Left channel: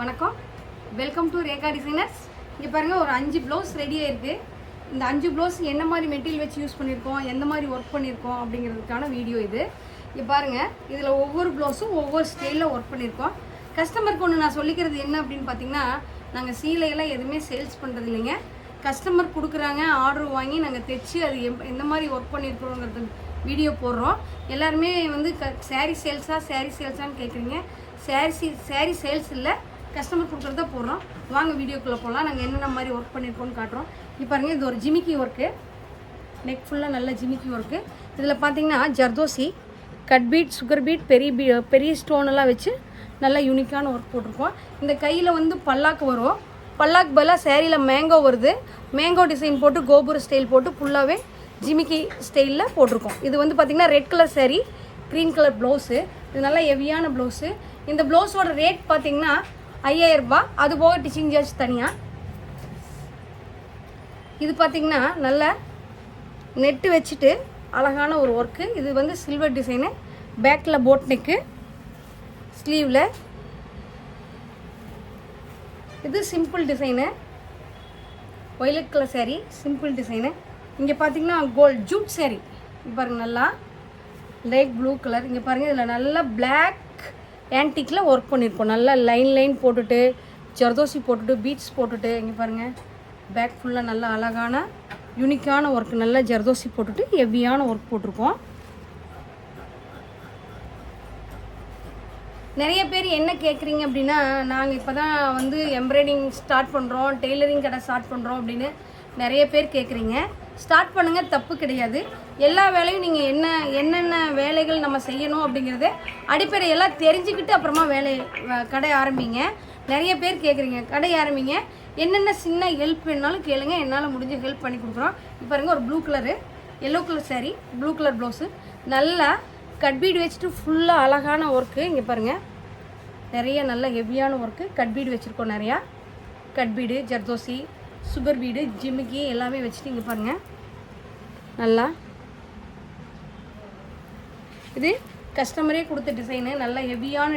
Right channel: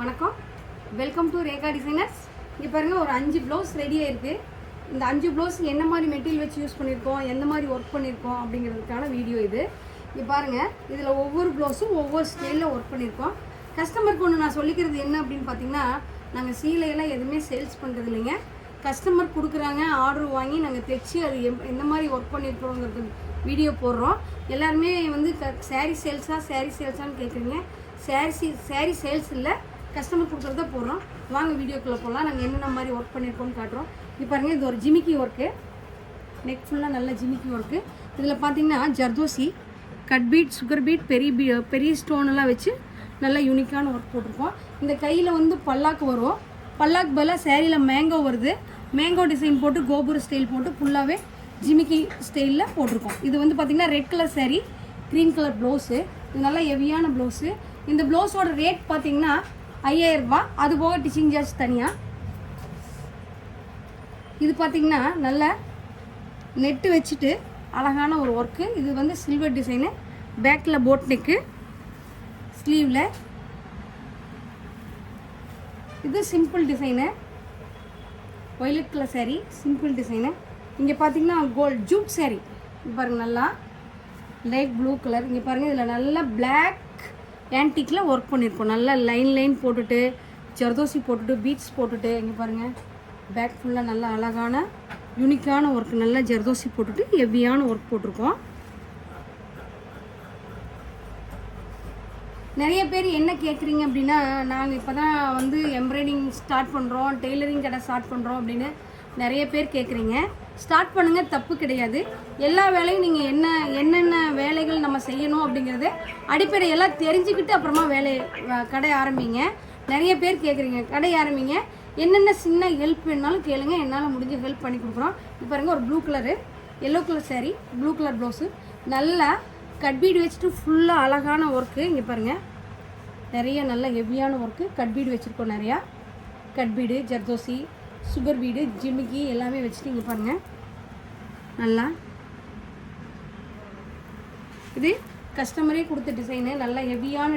வணக்கம், welcome to Rekha designers. இங்கே பாருங்கள், ஒரு 5 ப்ளவுஸ் ரெடியாக இருக்குது. இந்த 5 ப்ளவுஸ் என்ன மாதிரி மெட்டீரியல் வச்சு யூஸ் பண்ணியிருக்கோம், எந்த மாதிரி ஒர்க் பண்ணியிருக்கோம் அப்படிங்கிறதுக்கான வீடியோ இது. இங்கே பாருங்கள், இதில் ஒவ்வொரு ப்ளவுஸும் ஒவ்வொரு ஸ்டைலில் ஒர்க் பண்ணியிருக்கோம். கஸ்டமருக்கு ஒன்று நான் சொல்லிக்கிறது என்ன அப்படின்னு பார்த்தீங்கன்னா, நாங்கள் சீலையெல்லாம் எதுவுமே சேல்ஸ் பண்ணுறது இல்லைங்க. கஸ்டமர் கொடுக்குறாங்க, ஆர்டர் வாங்கி நாங்கள் தைச்சி அது எந்த மாதிரி ஒர்க் பண்ணியிருக்கோங்கிறது வீடியோ போடுறோம். எல்லாருமே வந்து சாரீ சேல்ஸான்னு கேட்குறீங்க. சாரீ சேல்ஸ் இல்லை, கஸ்டமர் கொடுக்குறத போடுறோம். வாங்க வீடியோக்குள்ளே போகலாம். நாங்கள் என்னென்ன மாதிரி ஒர்க் பண்ணியிருக்கோன்னு காட்டுறோம். இப்போ பாருங்கள், இது ஒரு ஜிமிக்கி ஒர்க்கு. நெக் ஃபுல்லாக நல்ல ஜிமிக்கி ஒர்க்கு. இதில் பார்த்தீங்கன்னா zardozi, cut beat, sugar beat, பெரிய ஸ்டோனெல்லாம் வச்சு நல்லா யூனிக்கான ஒர்க் போட்டிருக்கோம். இந்த கையில் வந்து பல்லாக்கு வரும். பல்லாக்கு பதிலாக சேரீயில் மேங்கோ வருது. மேங்கோ டிசைன் போட்டு கோபுர ஸ்டைல் போட்டு ஃபுல்லாகவே ஜிமிக்கி ஸ்டைலில் போட்டிருக்கோம். இது வந்து பார்த்திங்கன்னா red colour sari, green colour blouse. இது நல்லா ஹெவியான ப்ளவுஸு. இந்த ப்ளவுஸோட ரேட் பார்த்திங்கன்னா 5000 ரூபாய். அது போக டிச்சிங் சார்ஜ் தனியாக. இது பார்த்திங்கன்னா நல்ல நெட்டு வச்சுட்டு அழகான ஒரு ஒர்க்கு. இது வந்து சில்வர் டிசைனு. பேக்கில் போட் நெக்கு, ஸ்லீவில் இது simple design. Violet colour sari, simple design. இங்கே பார்த்தீங்கன்னா கோல்ட் ஜூட் சாரீ. பாருங்கள், நல்லா லைட் ப்ளூ கலர். இங்கே பாருங்கள், இதில் நல்லா பிளாக் ஆன்டிக்கில் ஒர்க் பண்ணியிருக்கோம். நல்லா லைன் போட்டுட்டு, ஜர்தோசி போட்டுட்டு, பீட்ஸ் போட்டுட்டு. இங்கே பாருங்கள், பேக் ஃபுல்லாக நல்லா அழகான யூனிக்கான ஒர்க். நல்லா ஜர்தோசி போட்டுட்டு ஹெவியான ஒர்க் போட்டிருக்கோம். நிறைய பேர் என்ன கேட்குறீங்க அப்படின்னா, நாங்கள் இப்போ தான் வந்து எம்ப்ராய்டிங் ஸ்டார்ட் பண்ணுறோம், டெய்லரிங் கடை ஸ்டார்ட் பண்ணுறோம் அப்படின்னு நிறைய பேர் கேட்குறீங்க. ஸ்டார்ட் பண்ணுங்கள், தப்பு கிடையாது. எல்லா வேலையும் நீங்கள் என்னென்ன வேலைகள் நம்ம செய்யணும் அப்படிங்கிறது அடிப்படையெல்லாம் தெரிஞ்சுக்கிட்டு அப்புறமா கடை ஆரம்பிங்க. நிறைய பேர் கேட்குறீங்க, கடை ஆரம்பிங்க, என்னென்ன சின்ன ஹெல்ப் வேணாலும் கேளுங்க, என்னால் முடிஞ்ச ஹெல்ப் பண்ணி கொடுக்குறோம். இப்போ பாருங்கள், ஒரு blue colour, yellow colour sari, blue colour blouse. நல்லா கட் பீடு வச்சுட்டு ஃபுல்லாக அழகான ஒர்க்கு. இங்கே பாருங்கள், நிறைய நல்ல ஹெவியான ஒர்க்கு. கட் பீடு வச்சுருக்கோம். நிறையா cut bead, zardozi, sugar bead, ஜிமிக்கி எல்லாமே வச்சுட்டு. இங்கே பாருங்கள், நல்லா இது கஸ்டமரே கொடுத்த டிசைனு. நல்ல ஹெவியான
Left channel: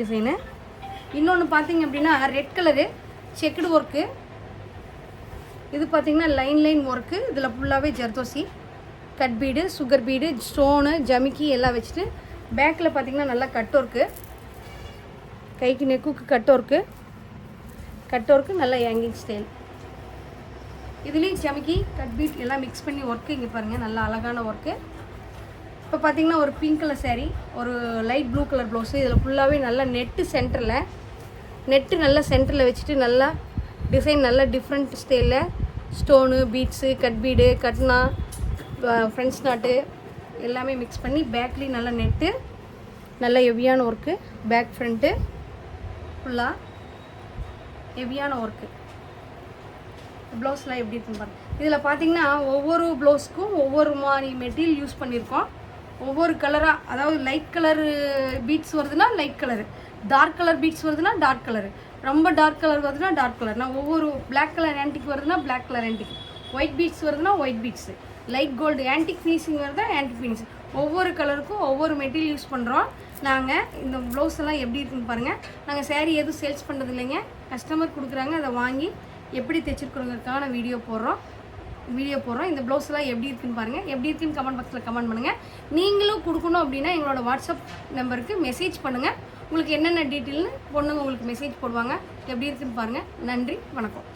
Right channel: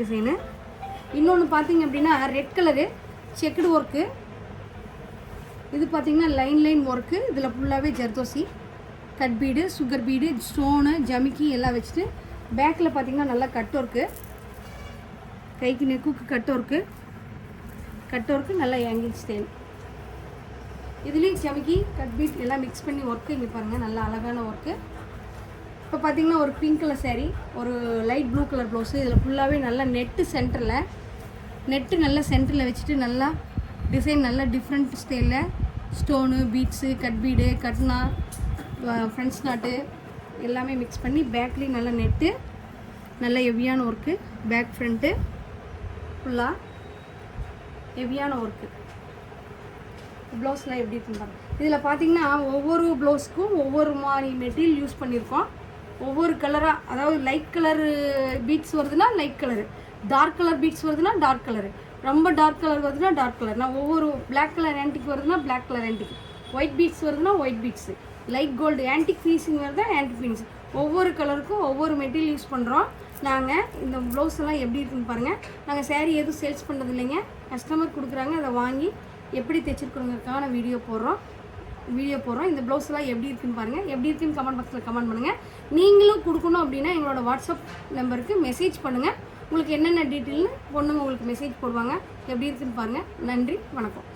டிசைனு. இன்னொன்று பார்த்தீங்க அப்படின்னா ரெட் கலரு செக்குடு ஒர்க்கு. இது பார்த்தீங்கன்னா லைன் ஒர்க்கு. இதில் ஃபுல்லாகவே ஜர்தோசி, cut bead, sugar bead, stone, ஜமிக்கி எல்லாம் வச்சுட்டு பேக்கில் பார்த்தீங்கன்னா நல்லா கட் ஒர்க்கு. கைக்கு நெக்குக்கு கட் ஒர்க்கு, நல்லா ஹேங்கிங் ஸ்டைல். இதுலேயும் ஜமிக்கி, கட் பீட் எல்லாம் மிக்ஸ் பண்ணி ஒர்க்கு. இங்கே பாருங்கள், நல்லா அழகான ஒர்க்கு. இப்போ பார்த்தீங்கன்னா ஒரு பிங்க் கலர் சாரீ, ஒரு லைட் ப்ளூ கலர் ப்ளவுஸு. இதில் ஃபுல்லாகவே நல்லா நெட்டு நல்லா சென்டரில் வச்சுட்டு நல்லா டிசைன் நல்லா டிஃப்ரெண்ட் ஸ்டைலில் ஸ்டோனு, பீட்ஸு, கட் பீடு, கட்னா, ஃப்ரெண்ட்ஸ் நாட்டு எல்லாமே மிக்ஸ் பண்ணி பேக்லேயும் நல்லா நெட்டு, நல்ல ஹெவியான ஒர்க்கு. பேக் ஃப்ரண்ட்டு ஃபுல்லாக ஹெவியான ஒர்க்கு. ப்ளவுஸ்லாம் எப்படி இருக்குன்னு பாருங்கள். இதில் பார்த்தீங்கன்னா ஒவ்வொரு ப்ளவுஸ்க்கும் ஒவ்வொரு மாதிரி மெட்டீரியல் யூஸ் பண்ணியிருக்கோம். ஒவ்வொரு கலராக, அதாவது லைட் கலர் பீட்ஸ் வருதுன்னா light colour, dark colour beads வருதுன்னா டார்க் கலரு, ரொம்ப டார்க் கலர் வருதுன்னா டார்க் கலர். நான் ஒவ்வொரு பிளாக் கலர் ஆன்டிக் வருதுன்னா black colour antique, white beads வருதுன்னா white beads, light gold antique finishing வருதா ஆன்டிக் ஃபினிஷிங். ஒவ்வொரு கலருக்கும் ஒவ்வொரு மெட்டீரியல் யூஸ் பண்ணுறோம். நாங்கள் இந்த ப்ளவுஸ் எல்லாம் எப்படி இருக்குன்னு பாருங்கள். நாங்கள் சாரீ எதுவும் சேல்ஸ் பண்ணுறது இல்லைங்க. கஸ்டமர் கொடுக்குறாங்க, அதை வாங்கி எப்படி தைச்சிருக்கிறவங்களுக்கான வீடியோ போடுறோம். இந்த ப்ளவுஸ் எல்லாம் எப்படி இருக்குன்னு பாருங்கள். எப்படி இருக்குன்னு கமெண்ட் பாக்ஸில் கமெண்ட் பண்ணுங்கள். நீங்களும் கொடுக்கணும் அப்படின்னா எங்களோட வாட்ஸ்அப் நம்பருக்கு மெசேஜ் பண்ணுங்கள். உங்களுக்கு என்னென்ன டீட்டெயில்னு பொண்ணுங்க உங்களுக்கு மெசேஜ் போடுவாங்க. எப்படி இருக்குன்னு பாருங்கள். நன்றி, வணக்கம்.